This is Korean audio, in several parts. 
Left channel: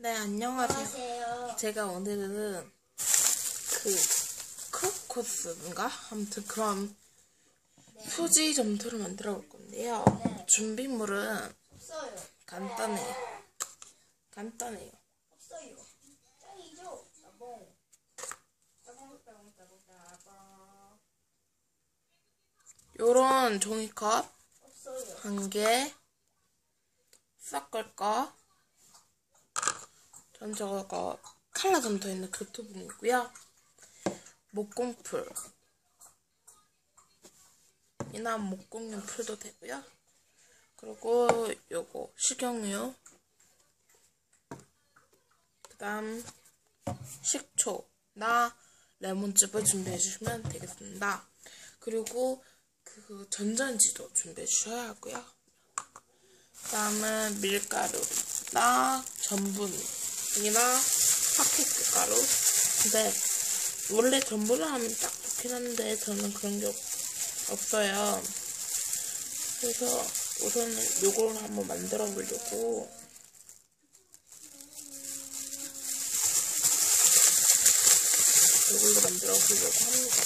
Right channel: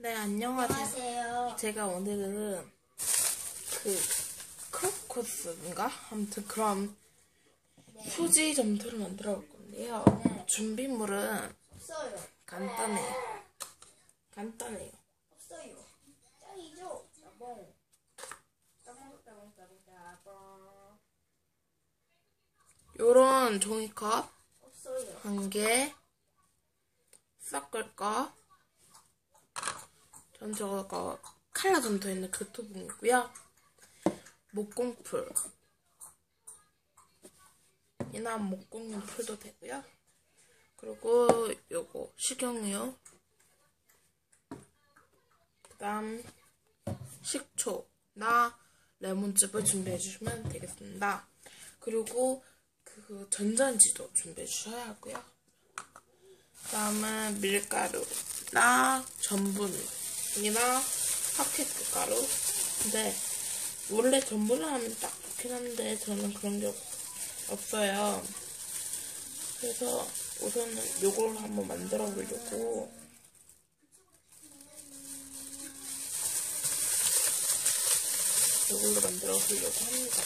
네, 안녕하세요. 안녕하세요. 제가 오늘은 그 크로코스인가? 아무튼 그런 수지 점토를 만들어 볼 건데요. 네. 준비물은 없어요. 간단해요. 간단해요. 없어요. 짱이죠? 따봉. 요런 종이컵 없어요. 한 개, 섞을 거, 전 저거 칼라 점토 있는 그 부분이고요. 목공풀. 이나 목공용 풀도 되고요. 그리고 요거 식용유. 그다음 식초나 레몬즙을 준비해 주시면 되겠습니다. 그리고 그 전자레인지도 준비해 주셔야 하고요. 그다음에 밀가루나 전분 이나 파케트 가루. 근데 원래 전분을 하면 딱 좋긴 한데 저는 그런 게 없- 없어요. 그래서 우선은 요걸 한번 만들어 보려고 요걸로 만들어 보려고 합니다.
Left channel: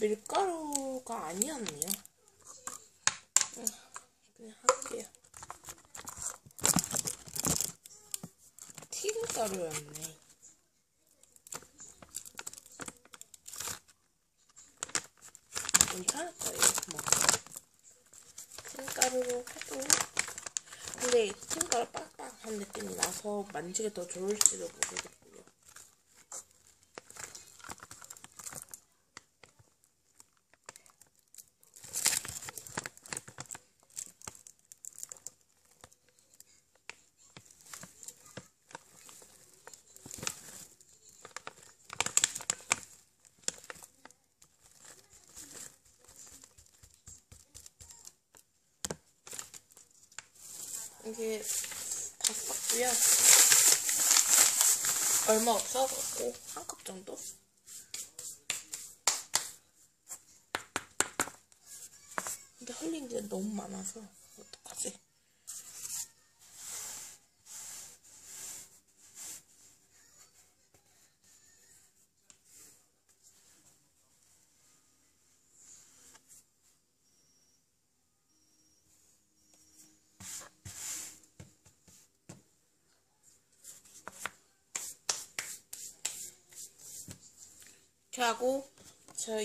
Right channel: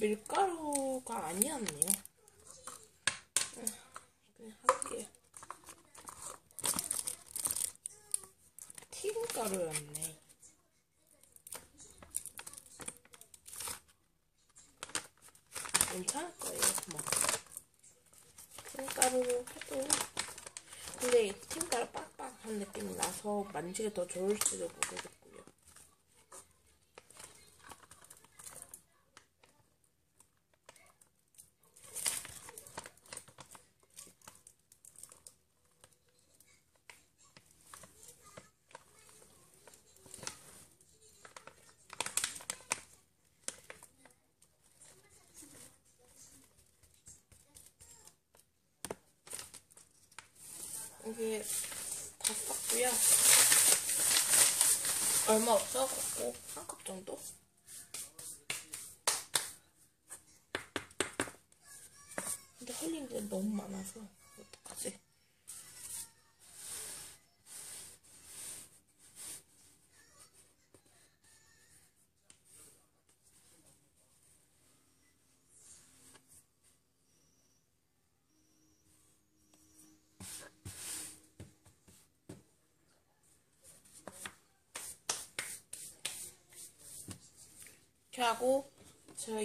밀가루가 아니었네요. 응, 그냥 할게요. 튀김가루였네. 괜찮을 거예요, 뭐. 튀김가루로 해도. 근데 튀김가루 빡빡한 느낌이 나서 만지기 더 좋을지도 모르겠고 요. 이게 다 썼고요. 얼마 없어갖고 한 컵 정도? 근데 흘린 게 너무 많아서 어떡하지? 이렇게 하고 저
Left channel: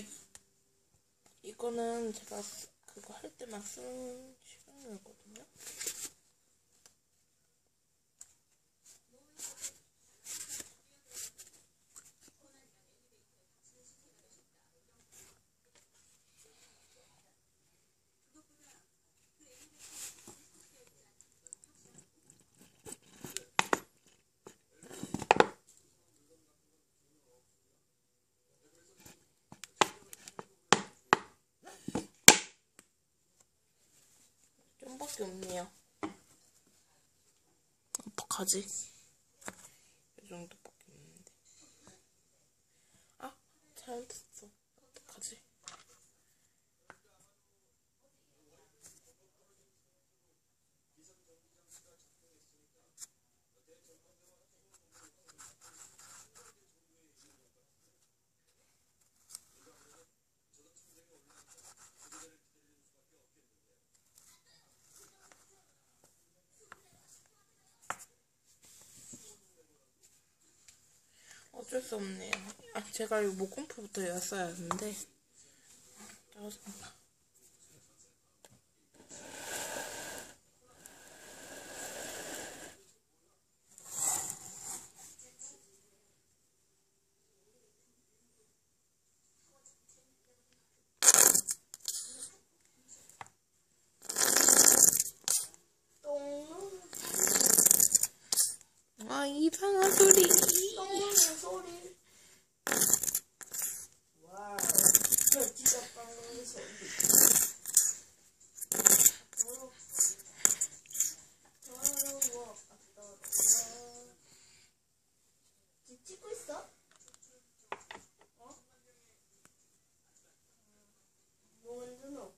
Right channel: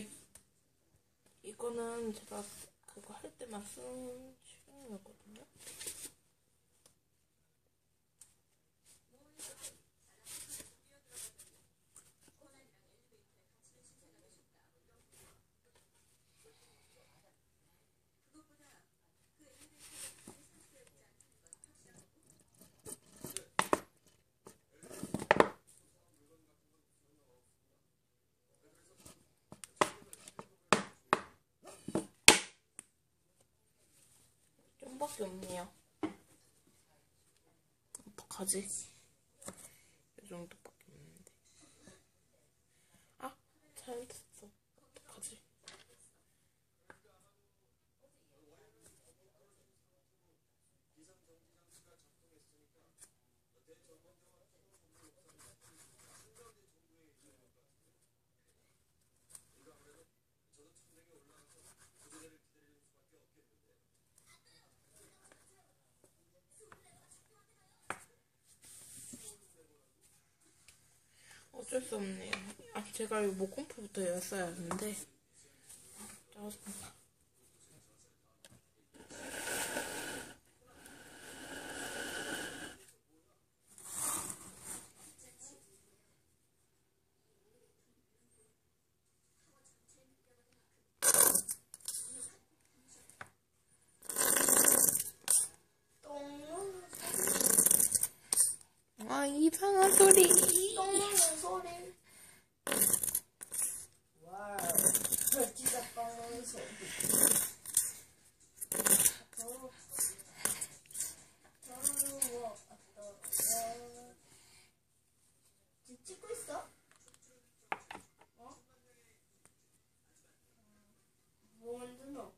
이거는 제가 그거 할 때만 쓰는 실용이거든요. 좀밖에 없네요. 어떡하지? 이 정도밖에 없는데. 아, 잘못했어. 어떡하지? 어쩔 수 없네요. 아, 제가 이 목공포부터 였어야 하는데. 아, 짜증나. 똥, 아, 이상한 소리. 똥 누는 소리. 와우. 진짜 똥 누는 소리. 더워. 더워. 더워. 지금 찍고 있어? 어? 뭐 만드노?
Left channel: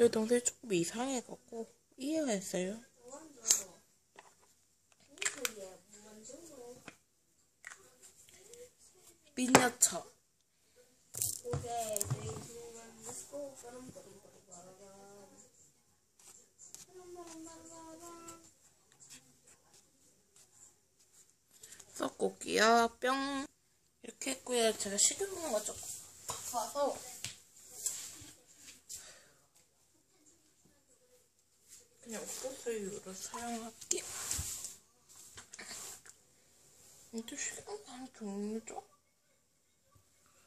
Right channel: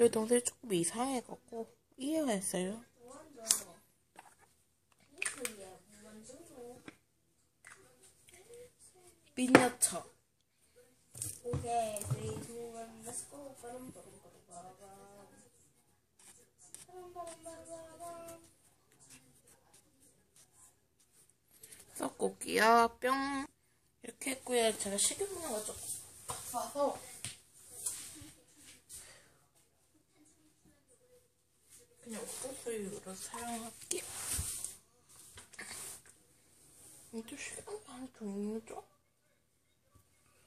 저희 동생이 조금 이상해갖고 이해가 했어요. 완전 무슨 얘 완전 미니어처. 오케이 3 2 1 let's go 빠름 빠름 빠름 빠라밤 빠름 빠름 빠라밤 섞을게요. 뿅. 이렇게 했고요. 제가 식용유가 조금 아파서 그냥 옥수수유를 사용할게요. 이도 식용유 종류죠?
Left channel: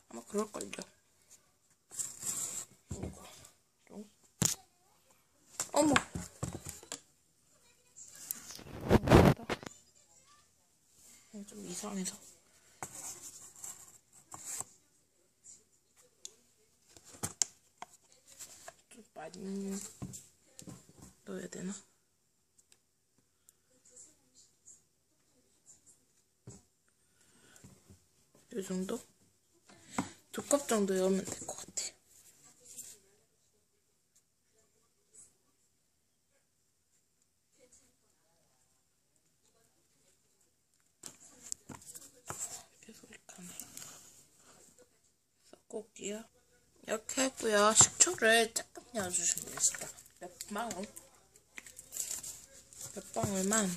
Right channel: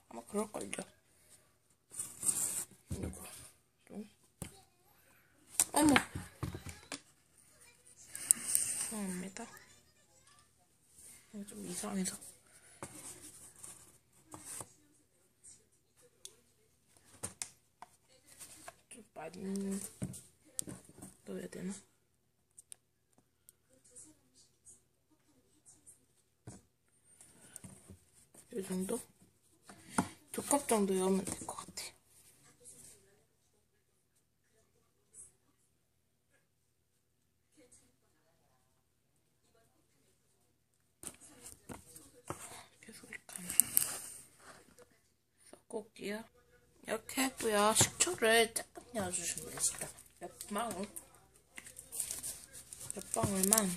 아마 그럴걸요. 이거 좀 어머. 이거 좀 이상해서. 좀 많이 넣어야 되나? 이 정도? 두 컵 정도 넣으면 될 것 같아. 계속 이렇게 섞어올게요. 이렇게 했고요. 식초를 조금 넣어주시면 됩니다. 몇 방울? 몇 방울만.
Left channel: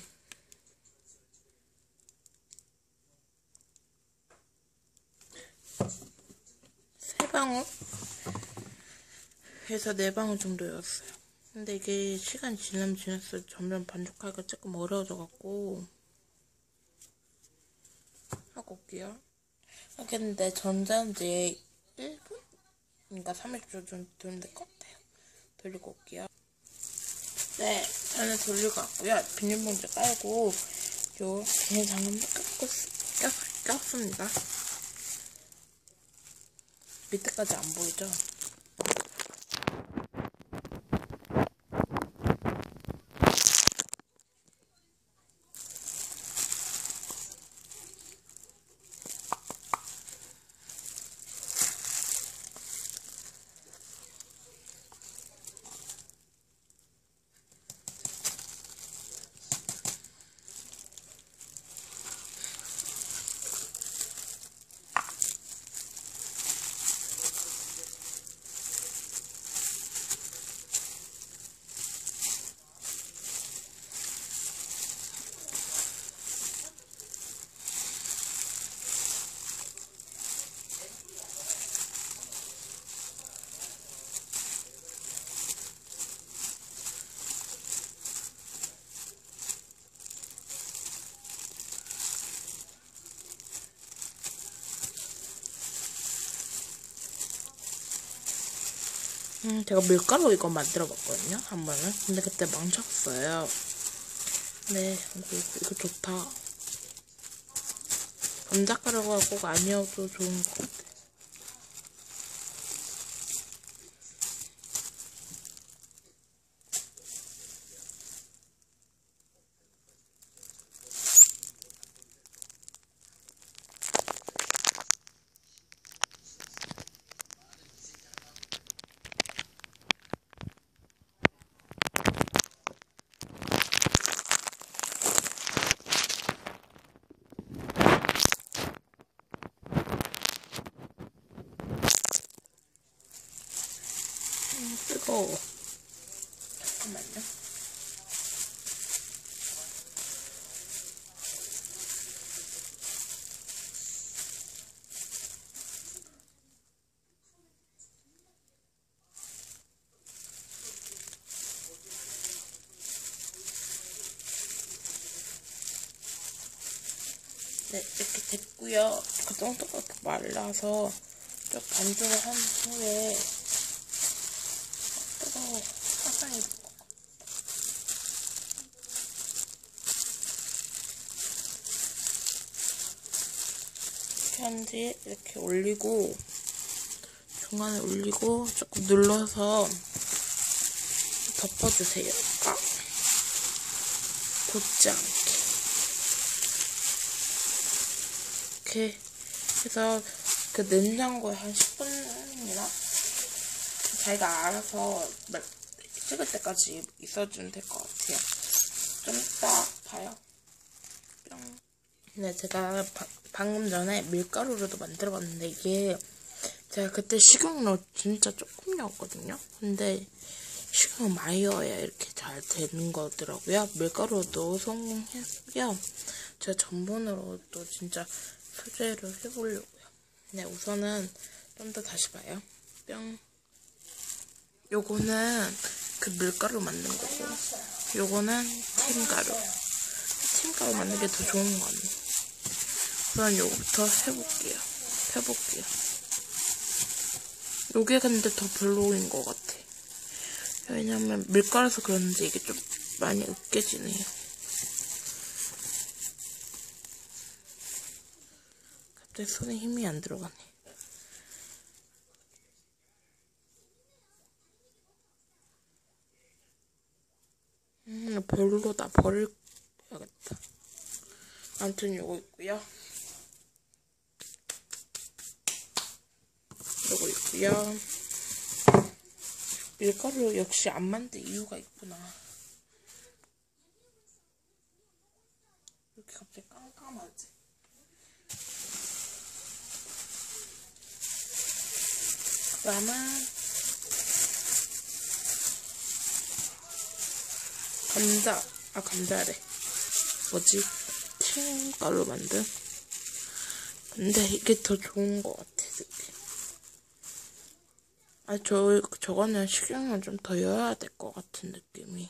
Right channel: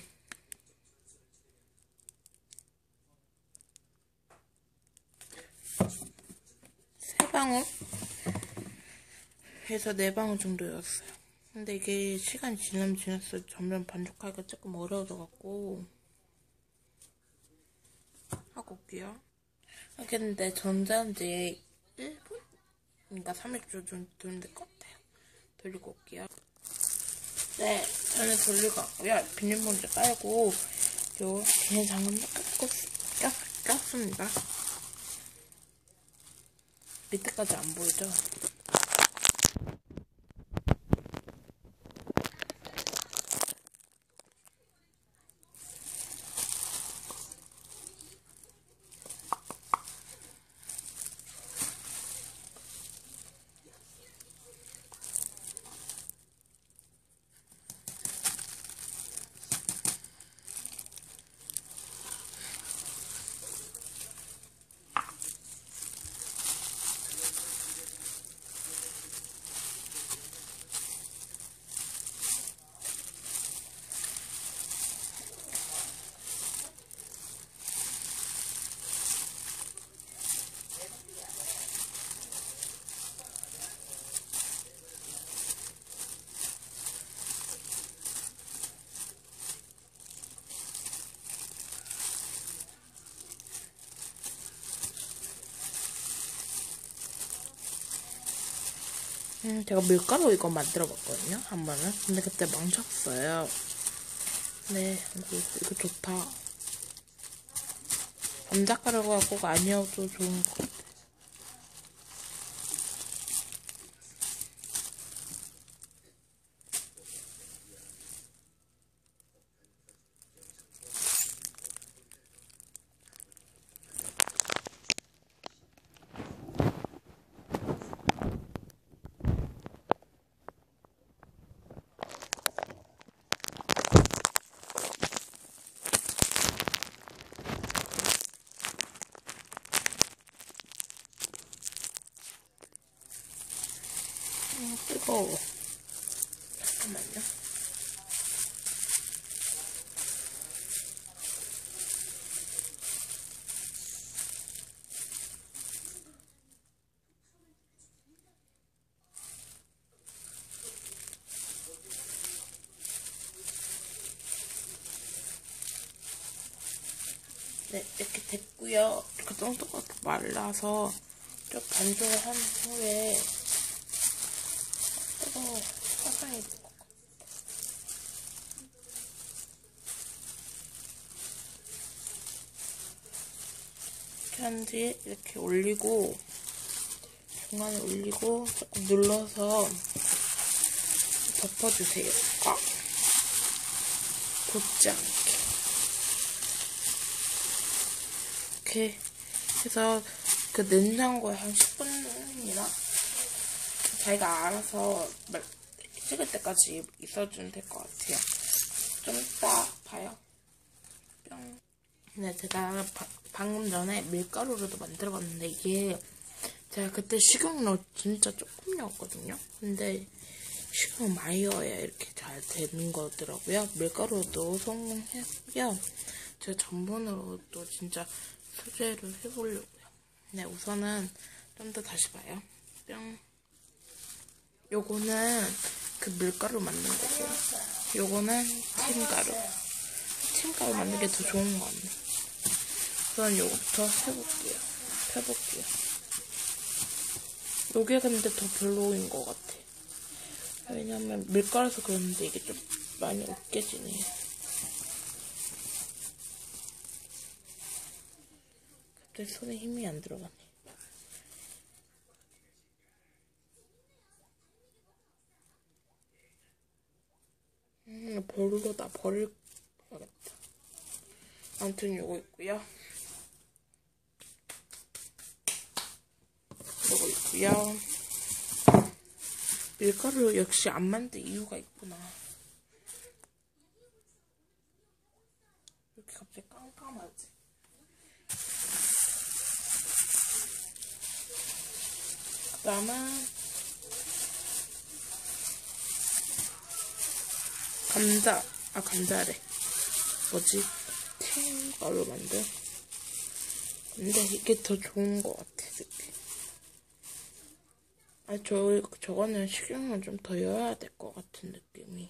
세 방울? 해서 네 방울 정도였어요. 근데 이게 시간이 지나면 지날수록 점점 반죽하기가 조금 어려워져갖고 하고 올게요. 하겠는데 전자레인지에 1분? 그러니까 300초 정도 돌리면 될것 같아요. 돌리고 올게요. 네, 저는 돌리고 왔고요. 비닐봉지 깔고 요 비닐 장갑도 꼈, 꼈, 꼈습니다. 밑에까지 안 보이죠? 음, 제가 밀가루 이거 만들어 봤거든요, 한 번은. 근데 그때 망쳤어요. 네, 이거, 이거 좋다. 감자가루가 꼭 아니어도 좋은 것 같아. 음, 잠깐만요. 네, 이렇게 됐고요. 그 정도가 말라서 좀 반죽을 한 후에 뜨거워 화상이. 이렇게 한 뒤에 이렇게 올리고 중간에 올리고 조금 눌러서 덮어주세요. 꽉 돋지 않게 이렇게 해서 그 냉장고에 한 10분이나 자기가 알아서 말- 식을 때까지 있어주면 될 것 같아요. 좀 이따 봐요. 뿅. 네, 제가 바- 방금 전에 밀가루로도 만들어봤는데 이게 제가 그때 식용유 진짜 조금 넣었거든요. 근데 식용유 많이 넣어야 이렇게 잘 되는 거더라고요. 밀가루도 성공했고요. 제가 전분으로도 진짜 수제를 해보려고요. 네, 우선은 좀 더 다시 봐요. 뿅. 요거는 그 밀가루 만든 거고, 요거는 팀가루. 팀가루 만든 게 더 좋은 거 같네. 우선 요거부터 해볼게요. 펴볼게요. 요게 근데 더 별로인 것 같아. 왜냐면 밀가루에서 그런지 이게 좀 많이 으깨지네요. 갑자기 손에 힘이 안 들어가네. 음, 별로다. 버려야겠다. 아무튼 요거 있고요. 요거 있고요. 밀가루 역시 안 만든 이유가 있구나. 이렇게 갑자기 깜깜하지? 그 다음은 감자, 아 감자래. 뭐지? 튀김가루 만든? 근데 이게 더 좋은 것 같아, 느낌. 아, 저, 저거는 식용유 좀더 넣어야 될 것 같은 느낌이.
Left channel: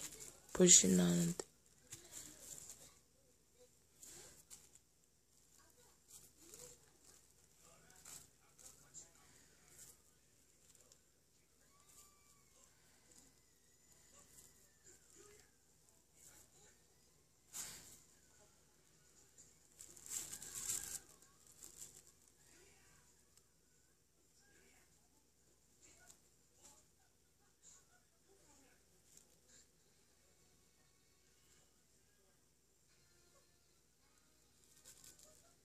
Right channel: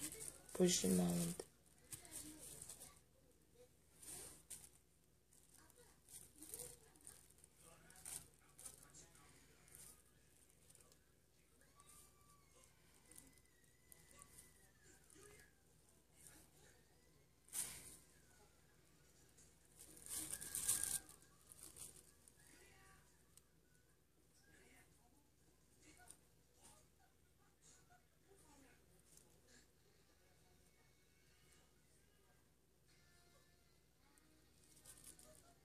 불신 나는데.